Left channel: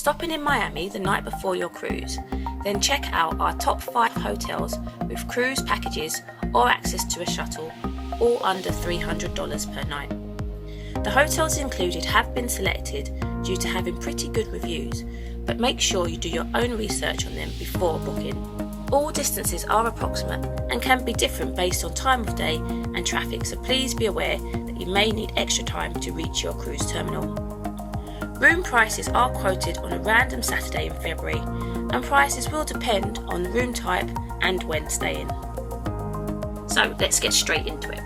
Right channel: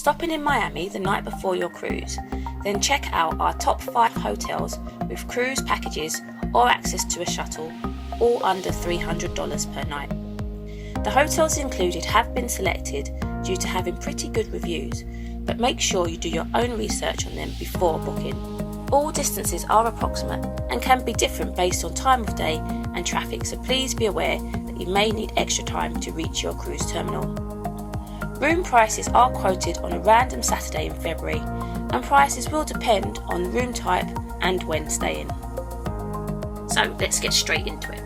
Stopping in Miami the night before your cruise, then check out our top 5 hotels with cruise packages or access to a shuttle, all under $300 per night. The hotels included have been selected due to having pretty good reviews, but make sure you do your own research on them before booking. All distances are approximate and can be different based on time of day and traffic, so please be aware that you may need extra time to reach your cruise terminal. Room prices are quoted on a random Saturday in February, and prices will depend on the room type and when staying. So let's get straight into it.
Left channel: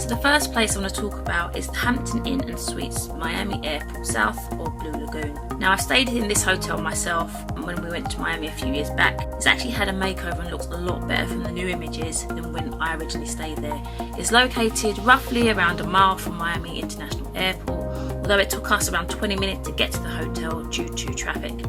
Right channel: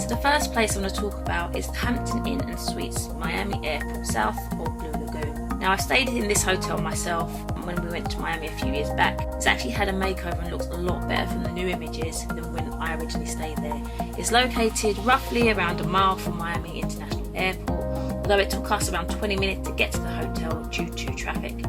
So the first place I'm going to talk about is the Hampton Inn and Suites, Miami Airport South or Blue Lagoon. Now, I stayed in this hotel myself when we went to Miami a few years back. It's actually had a makeover and looks a lot better from the new images than when I originally stayed there. It's located roughly around a mile from Miami International Airport, although it took us around 20 minutes to get to the hotel due to traffic.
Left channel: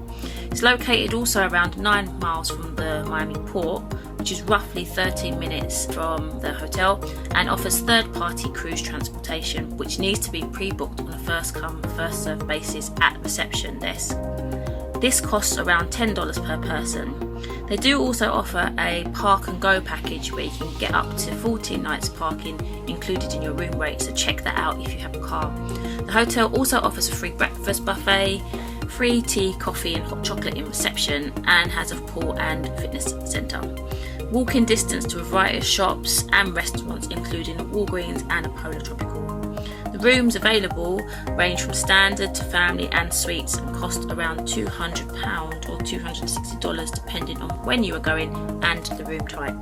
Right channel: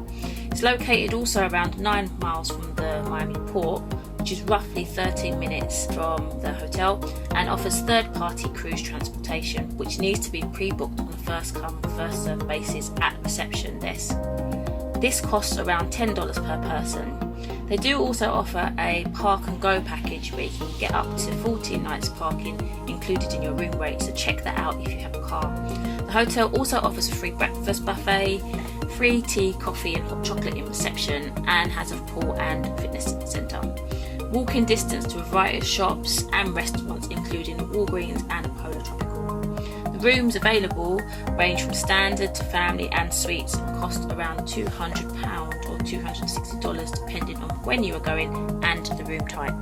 It's located also around 9 miles from the Miami port, which is roughly 13 minutes from the hotel, and offers third-party cruise transportation, which needs to be pre-booked on a first-come, first-served basis at reception desk. This costs around $10 per person. They do also offer a park and go package where you can get up to 14 nights parking included in your room rate, so check that out if you have a car. The hotel also offers a free breakfast buffet, free tea, coffee and hot chocolate in reception, and has a pool and fitness centre. Walking distance to a variety of shops and restaurants including a Walgreens and a Polar Tropical. The rooms available range from standard to family and suites and cost around £200 or $260 depending on when you are going and the room type.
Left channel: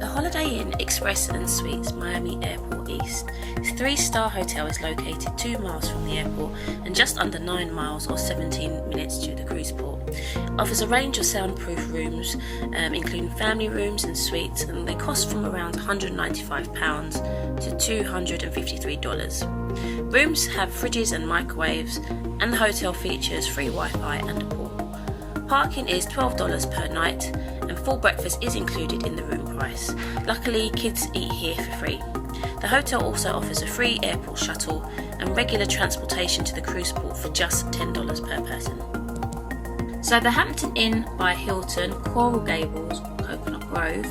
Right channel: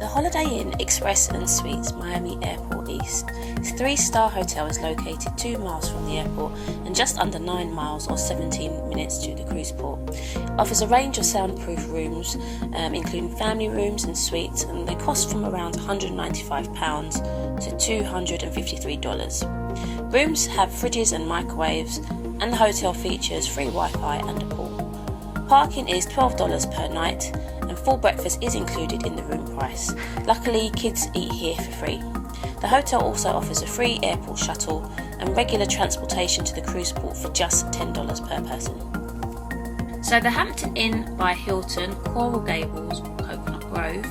The Holiday Inn Express and Suites Miami Airport East. This 3-star hotel is located 2 miles from the airport and just under 9 miles or 17 minutes to the cruise port. It offers a range of soundproof rooms, including family rooms and suites, and they cost from around £195 to $253. Rooms have fridges and microwaves, and the hotel features free Wi-Fi and a pool. Parking is $12 per night, and full breakfast is included in the room price. Luckily, kids eat here for free. The hotel also offers a free airport shuttle and regular transportation to the cruise port for just $10 per person. So the Hampton Inn by Hilton, Coral Gables, Coconut Grove.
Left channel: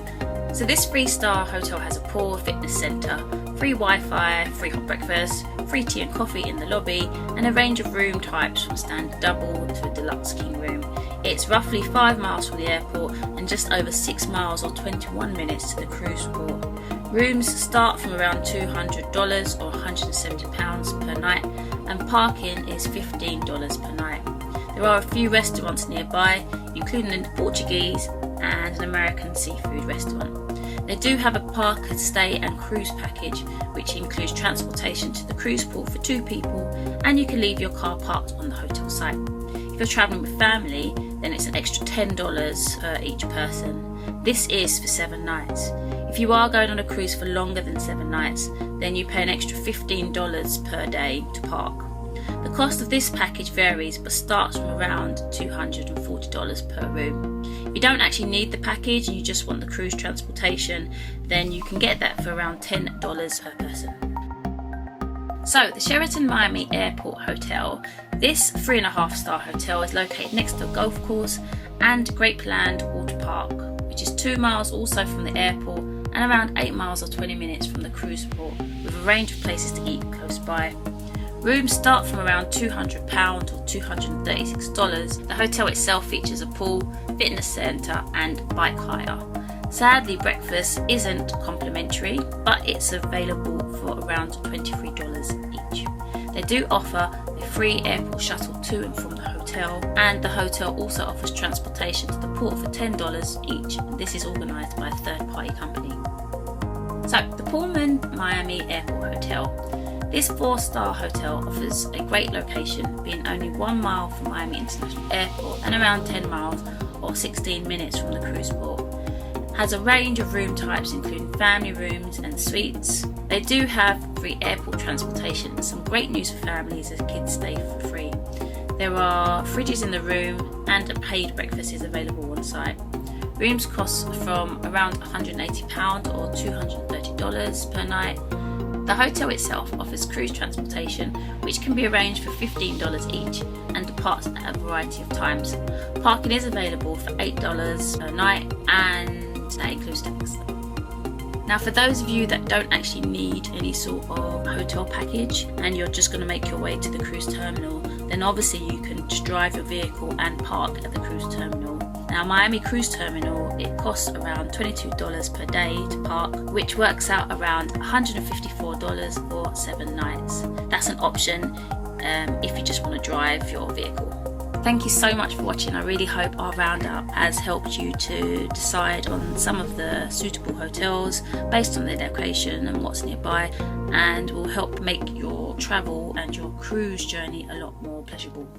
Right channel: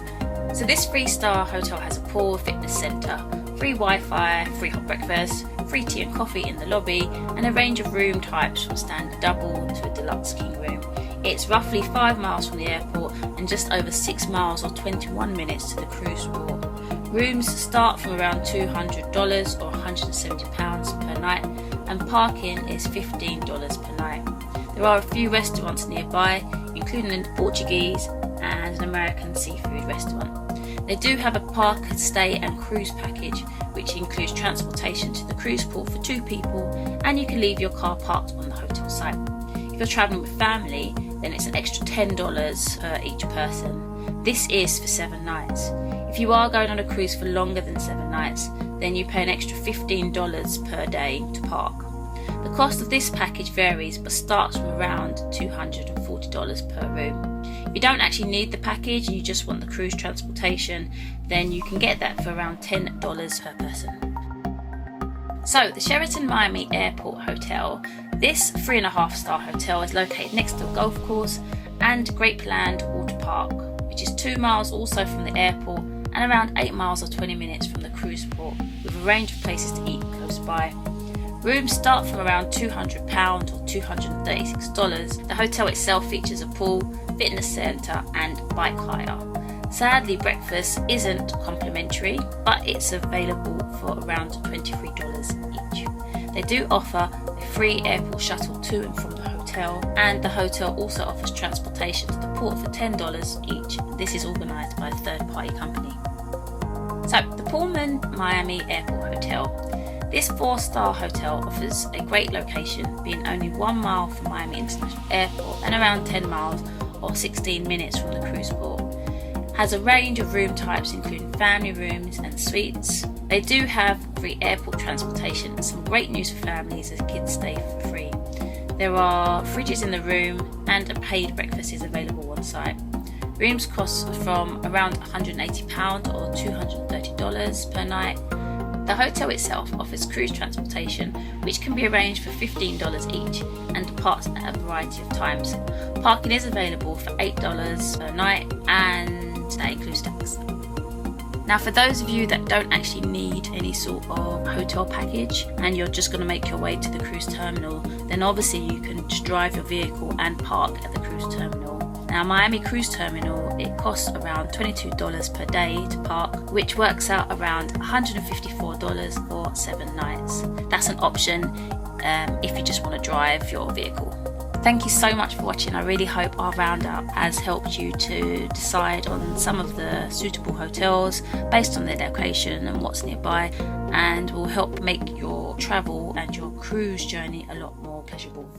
So this 3-star hotel has a pool, fitness centre, free Wi-Fi, free hot breakfast, free tea and coffee in the lobby, and a range of room types from standard double to a deluxe king room. It's roughly 5 miles from the airport and just over 6 miles or 21 minutes to the cruise port. Rooms start from around $200 or £170 per night, and parking is $15 per night. There are a few restaurants nearby, including a Portuguese and an American seafood restaurant. They do have a park, stay and cruise package, which includes transportation to the cruise port for 2 people, and you can leave your car parked on the hotel site. If you're travelling with family, then it's an extra $10 per each person. This is for 7 nights. If you are going on a cruise for longer than 7 nights, then you pay an extra $15 per day to park. The cost of this package varies but starts from around $240 per room. If you don't actually need the package and you just want the cruise transportation, then you can get that for around $10 per person. So the Sheraton Miami Airport Hotel. This 3.5-star hotel is located next to a golf course and Grapeland Water Park, which is 2 miles also from the airport and around 8 miles or 20 minutes from the cruise port, with a range of places to eat close by. Rooms start from around £200 or $236. The hotel itself features a pool, fitness centre and bike hire. Sadly, breakfast isn't complimentary, but it's available for around $23 each. They do offer a free airport shuttle to and from the hotel, and the hotel also offers transportation to the port for $10 each. This is organised by a third-party company. So, the Pullman Miami Airport Hotel. This 4-star hotel offers a great location, being only 1 mile from Miami International Airport and around 10 miles or 16 minutes from the cruise port. Has a range of room types including family rooms and suites. They do have free airport transportation and some great news for families as kids stay for free. There are fridges in the room and a paid breakfast is available on site. Rooms cost from around £180 or $230 per night. The hotel itself offers cruise transportation, which can be arranged for $15 each and departs at a variety of times. Parking is available for $8 per night, and that includes tax. Now, for those of you that don't actually need any sort of hotel package and you're just going to make your way to the cruise terminal, then obviously you can just drive your vehicle and park at the cruise terminal. Now, Miami Cruise Terminal, it costs around $22 per day to park, which works out around $154 for 7 nights. That's an option if you just want to drive your vehicle. Thank you so much for watching. I really hope our roundup has helped you to decide on some of the suitable hotels based on their location and what's nearby, and will help make your travel and your cruise journey a lot more pleasurable.